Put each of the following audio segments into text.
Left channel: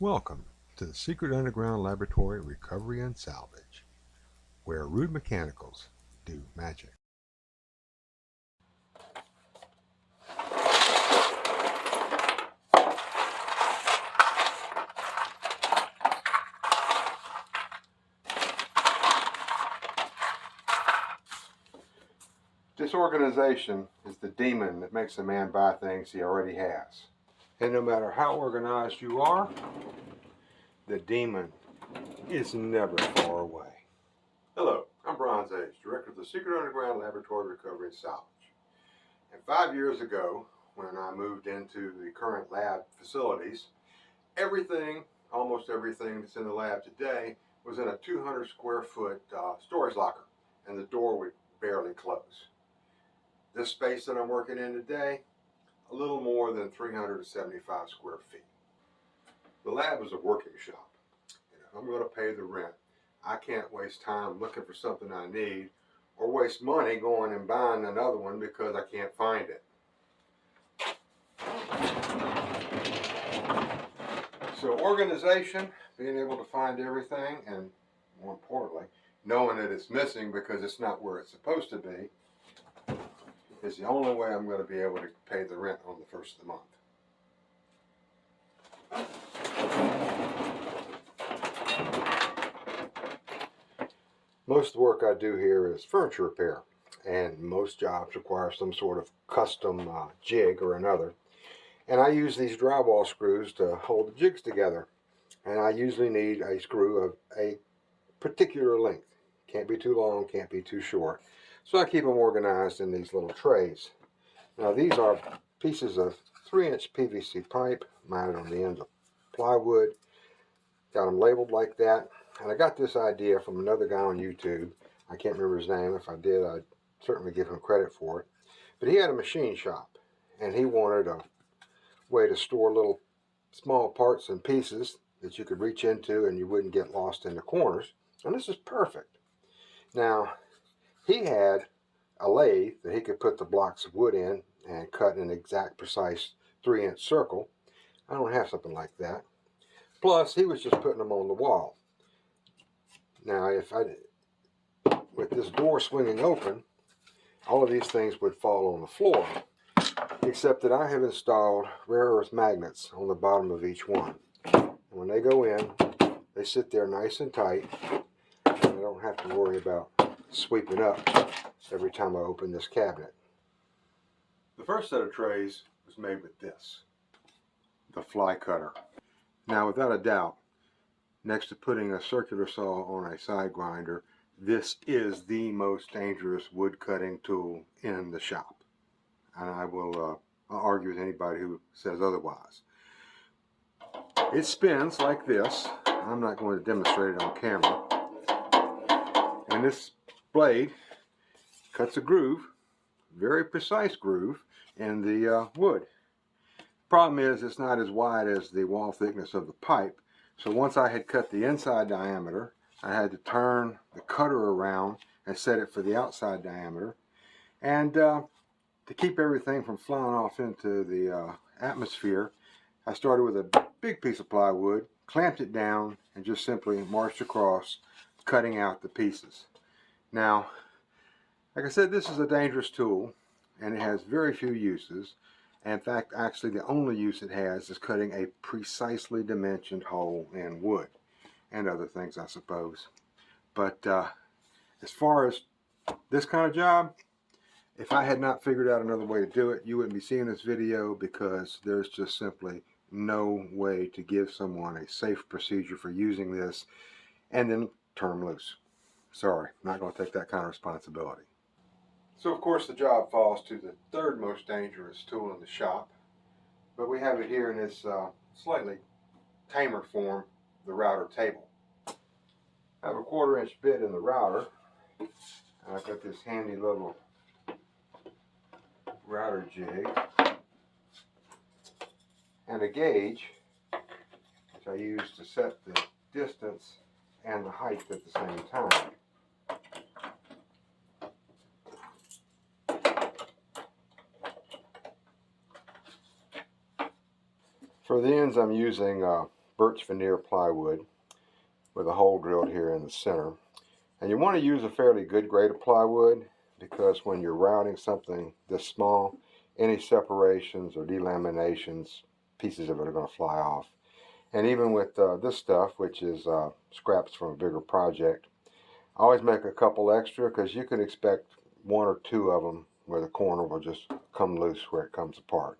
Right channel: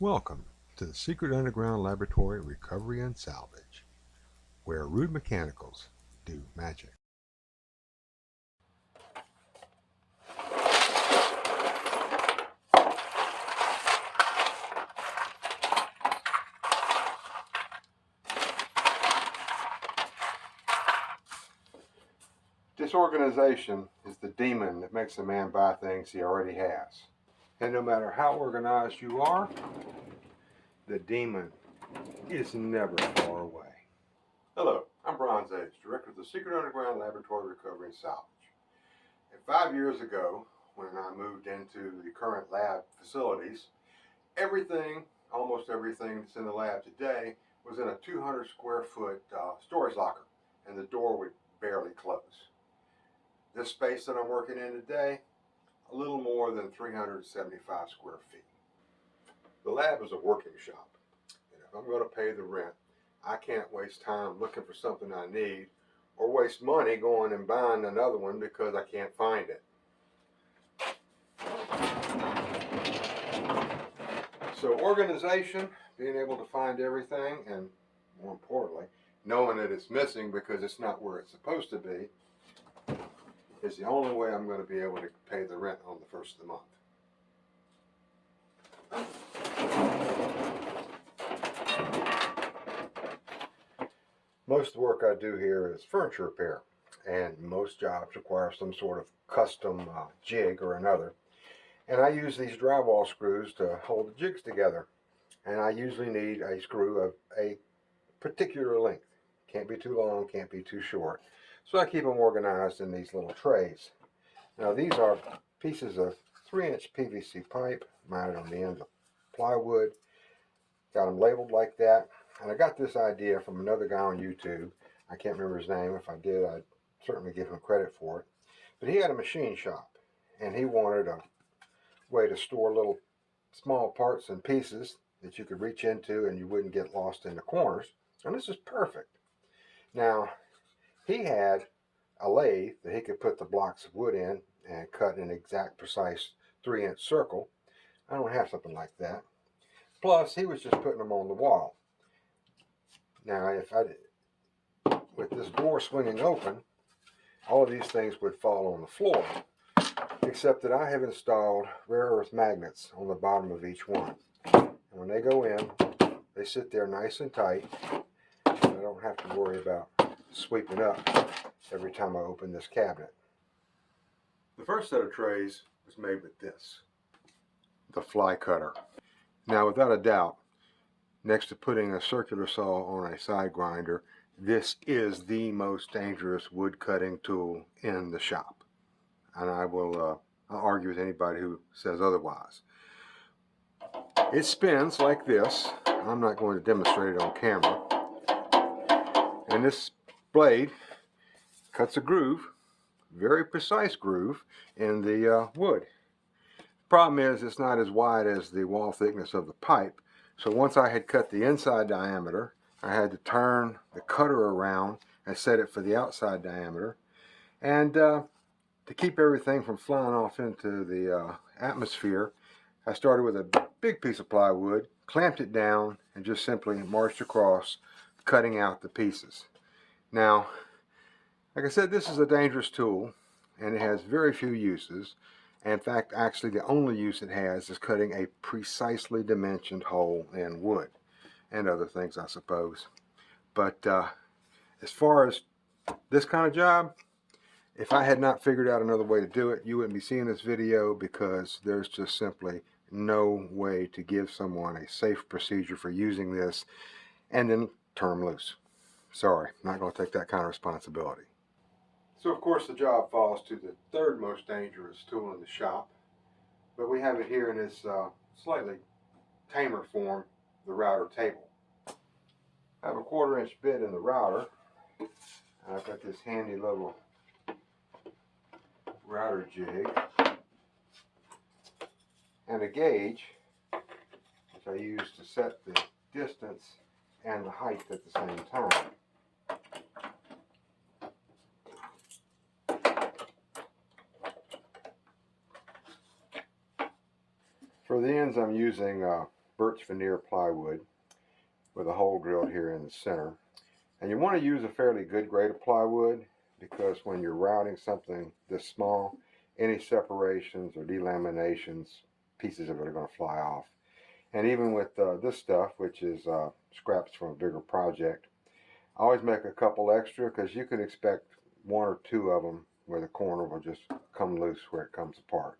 Welcome to the Secret Underground Laboratory Recovery and Salvage, where rude mechanicals do magic. Disorganization is the demon that makes a man buy things he already has. And no matter how organized you are, the demon is never far away. Hello, I'm Bronze Age, Director of the Secret Underground Laboratory Recovery and Salvage. And 5 years ago, when I moved into the current lab facilities, almost everything that's in the lab today was in a 200 square foot storage locker, and the door would barely close. This space that I'm working in today, a little more than 375 square feet. The lab is a working shop, and if I'm going to pay the rent, I can't waste time looking for something I need or waste money going and buying another one because I can't find it. So organization, being able to find everything, and more importantly, knowing that it's missing because it's not where it's supposed to be, is the only way I'm going to be able to pay the rent on the first of the month. Most of the work I do here is furniture repair, and most jobs require some sort of custom jig or another. And I use these drywall screws to hold the jigs together. And I usually need a screw of a particular length. Can't be too long, can't be too short. So I keep them organized in these little trays. Now these are pieces of 3-inch PVC pipe mounted on the ends of plywood. Got them labeled like that. And I got this idea from another guy on YouTube. I can't remember his name. If I did, I'd certainly give him credit for it. But he had a machine shop, and he wanted a way to store little small parts and pieces that you could reach into and you wouldn't get lost in the corners. And this is perfect. Now, he had a lathe that he could put the blocks of wood in and cut an exact precise 3-inch circle. I don't have something like that. Plus, he was just putting them on the wall. Now, with this door swinging open, all of these things would fall on the floor, except that I have installed rare earth magnets on the bottom of each one. And when they go in, they sit there nice and tight, and I don't have to worry about sweeping up every time I open this cabinet. The first set of trays was made with this, the fly cutter. Now, without a doubt, next to putting a circular saw on a side grinder, this is the most dangerous wood cutting tool in the shop. And I will argue with anybody who says otherwise. It spins like this. I'm not going to demonstrate it on camera. And this blade cuts a groove, very precise groove, in the wood. Problem is, it's not as wide as the wall thickness of the pipe. So once I had cut the inside diameter, I had to turn the cutter around and set it for the outside diameter. And to keep everything from flying off into the atmosphere, I started with a big piece of plywood, clamped it down, and just simply marched across, cutting out the pieces. Now, like I said, this is a dangerous tool, and it has very few uses. In fact, actually, the only use it has is cutting a precisely dimensioned hole in wood, and other things, I suppose. But as far as this kind of job, if I had not figured out another way to do it, you wouldn't be seeing this video, because there's just simply no way to give someone a safe procedure for using this and then turn them loose. Sorry, not going to take that kind of responsibility. So of course the job falls to the third most dangerous tool in the shop, but we have it here in this slightly tamer form, the router table. I have a 1/4-inch bit in the router. I've got this handy little router jig and a gauge, which I use to set the distance and the height at the same time. For the ends, I'm using birch veneer plywood with a hole drilled here in the center. And you want to use a fairly good grade of plywood, because when you're routing something this small, any separations or delaminations, pieces of it are going to fly off. And even with this stuff, which is scraps from a bigger project, I always make a couple extra, because you can expect one or two of them where the corner will just come loose where it comes apart.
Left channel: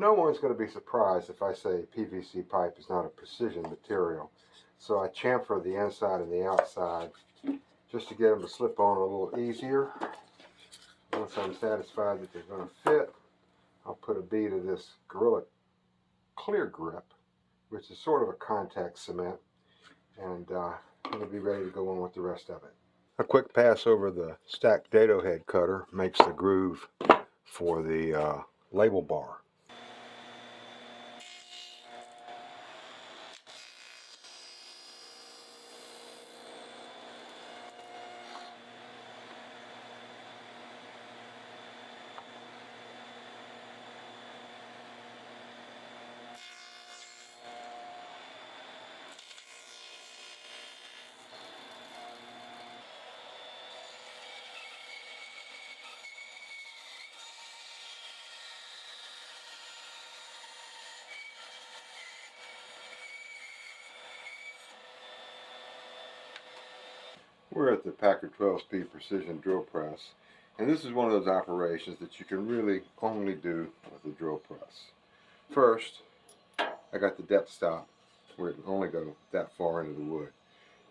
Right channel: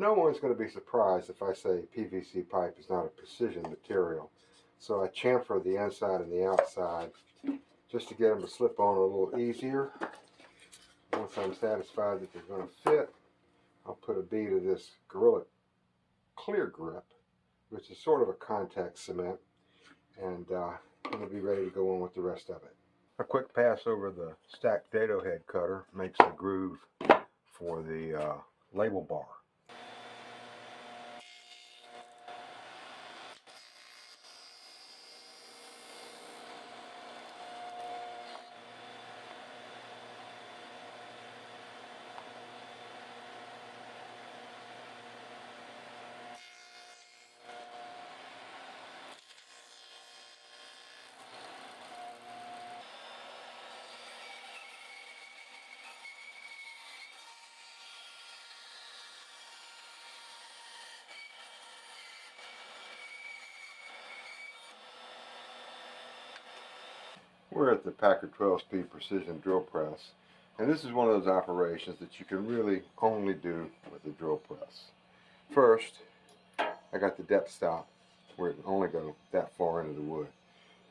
No one's going to be surprised if I say PVC pipe is not a precision material. So I chamfer the inside and the outside just to get them to slip on a little easier. Once I'm satisfied that they're going to fit, I'll put a bead of this Gorilla Clear Grip, which is sort of a contact cement, and it'll be ready to go on with the rest of it. A quick pass over the stacked dado head cutter makes the groove for the label bar. We're at the Packard 12-speed precision drill press, and this is one of those operations that you can really only do with a drill press. First, I got the depth stop where it can only go that far into the wood.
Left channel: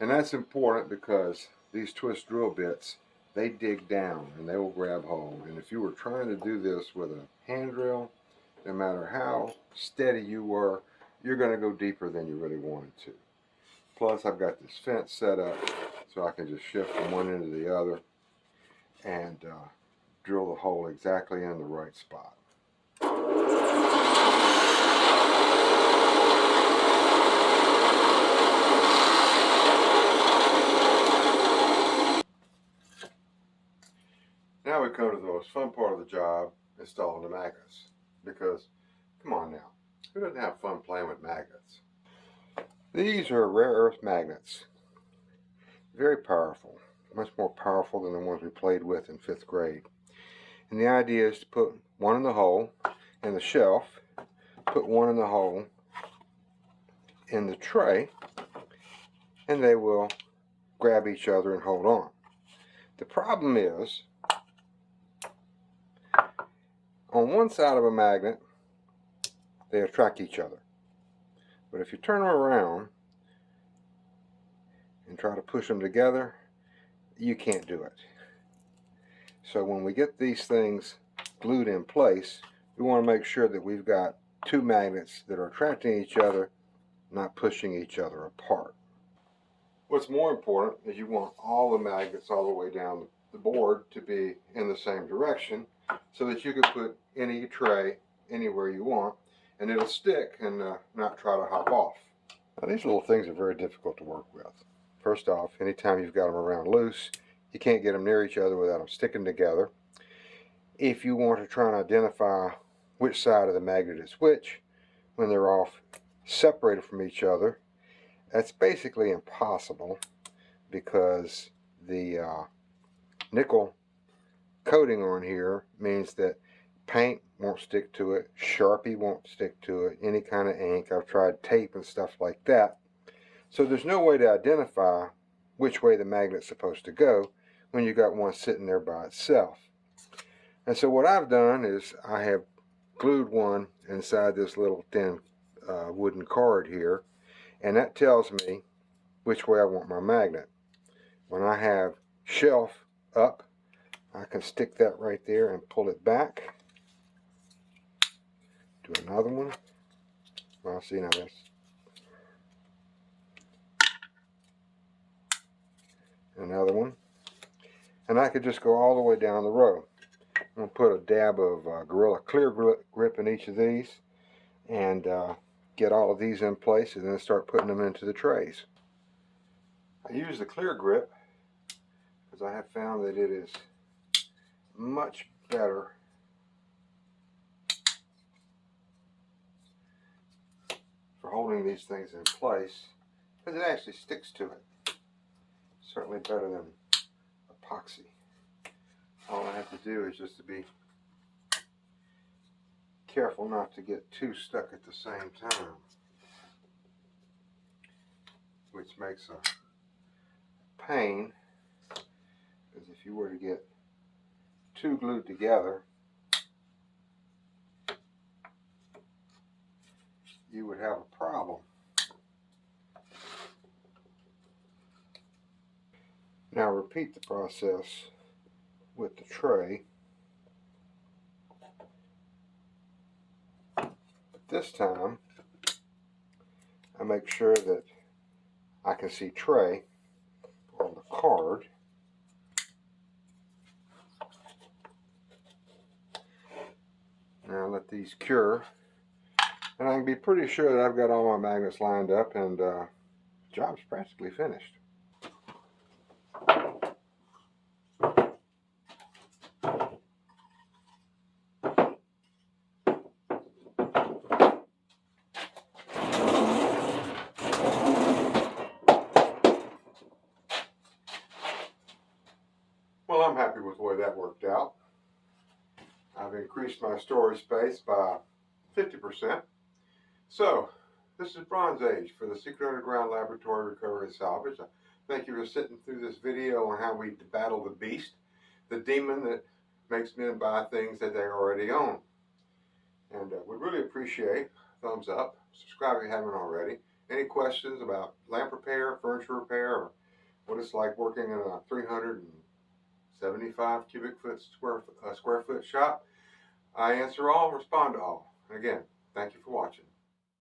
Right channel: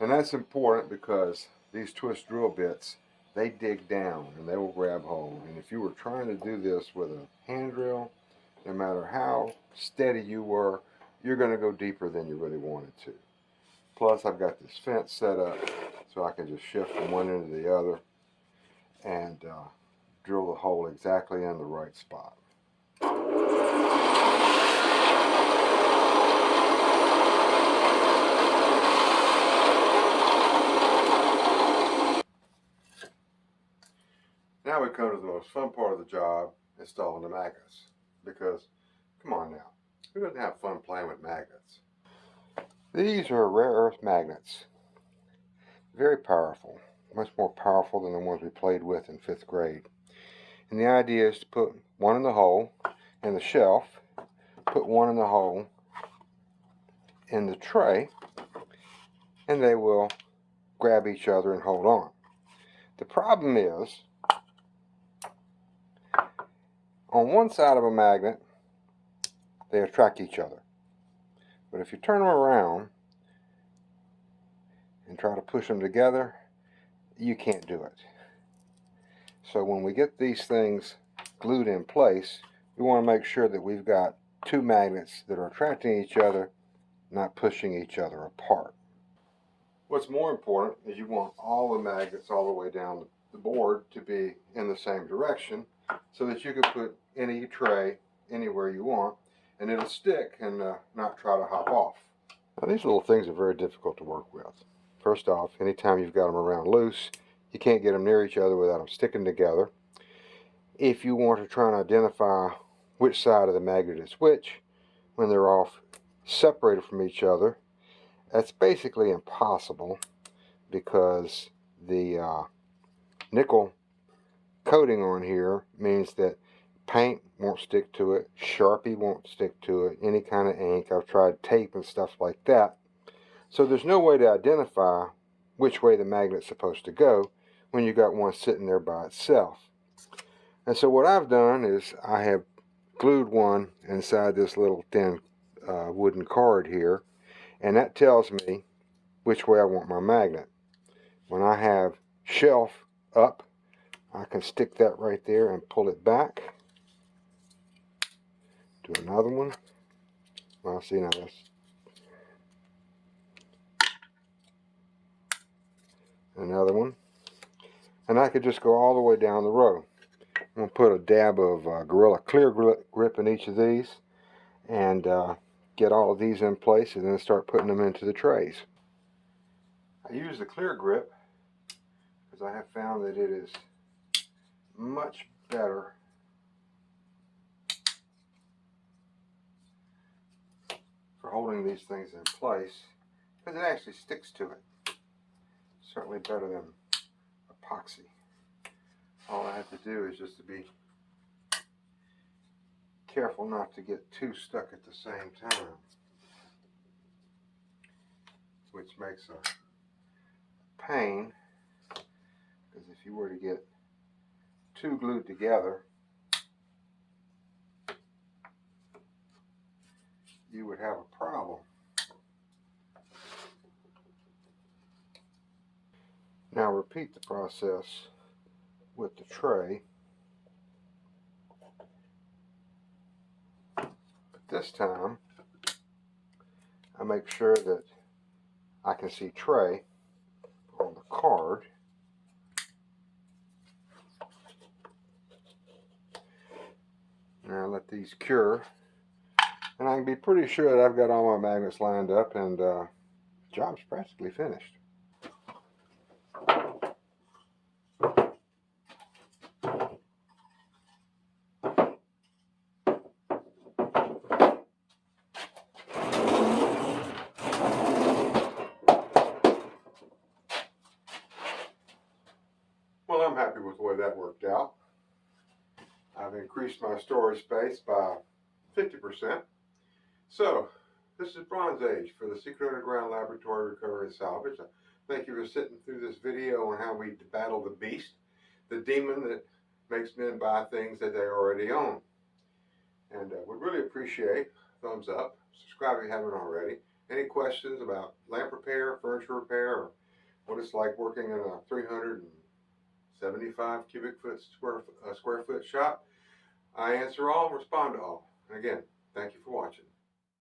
And that's important because these twist drill bits, they dig down and they will grab hold. And if you were trying to do this with a hand drill, no matter how steady you were, you're going to go deeper than you really wanted to. Plus, I've got this fence set up so I can just shift from one end to the other and drill the hole exactly in the right spot. Now we come to the most fun part of the job, installing the magnets. Because, come on now, who doesn't have fun playing with magnets? These are rare earth magnets. Very powerful. Much more powerful than the ones we played with in 5th grade. And the idea is to put one in the hole in the shelf, put one in the hole in the tray, and they will grab each other and hold on. The problem is, on one side of a magnet, they attract each other. But if you turn them around and try to push them together, you can't do it. So when we get these things glued in place, we want to make sure that we've got two magnets that are attracting each other, not pushing each other apart. What's more important is you want all the magnets all the way down the board to be in the same direction, so that you can put any tray anywhere you want and it'll stick and not try to hop off. Now, these little things are very difficult to work with. First off, anytime you've got them around loose, you can't get them near each other without them sticking together. If you want to try and identify which side of the magnet is which when they're off separated from each other, that's basically impossible, because the nickel coating on here means that paint won't stick to it, Sharpie won't stick to it, any kind of ink. I've tried tape and stuff like that. So there's no way to identify which way the magnet's supposed to go when you got one sitting there by itself. And so what I've done is I have glued one inside this little thin wooden card here, and that tells me which way I want my magnet. When I have shelf up, I can stick that right there and pull it back. Do another one. Well, see, now that's another one. And I could just go all the way down the row. I'm going to put a dab of Gorilla Clear Grip in each of these, and get all of these in place and then start putting them into the trays. I use the clear grip because I have found that it is much better for holding these things in place because it actually sticks to it. Certainly better than epoxy. All I have to do is just to be careful not to get too stuck at the same time, which makes a pain, because if you were to get too glued together, you would have a problem. Now repeat the process with the tray. This time, I make sure that I can see tray on the card. Now let these cure, and I can be pretty sure that I've got all my magnets lined up, and job's practically finished. Well, I'm happy with the way that worked out. I've increased my storage space by 50%. So, this is Bronze Age for the Secret Underground Laboratory Recovery Salvage. Thank you for sitting through this video on how we battle the beast, the demon that makes men buy things that they already own. And would really appreciate a thumbs up. Subscribe if you haven't already. Any questions about lamp repair, furniture repair, or what it's like working in a 375 cubic foot square foot shop, I answer all, respond to all. And again, thank you for watching.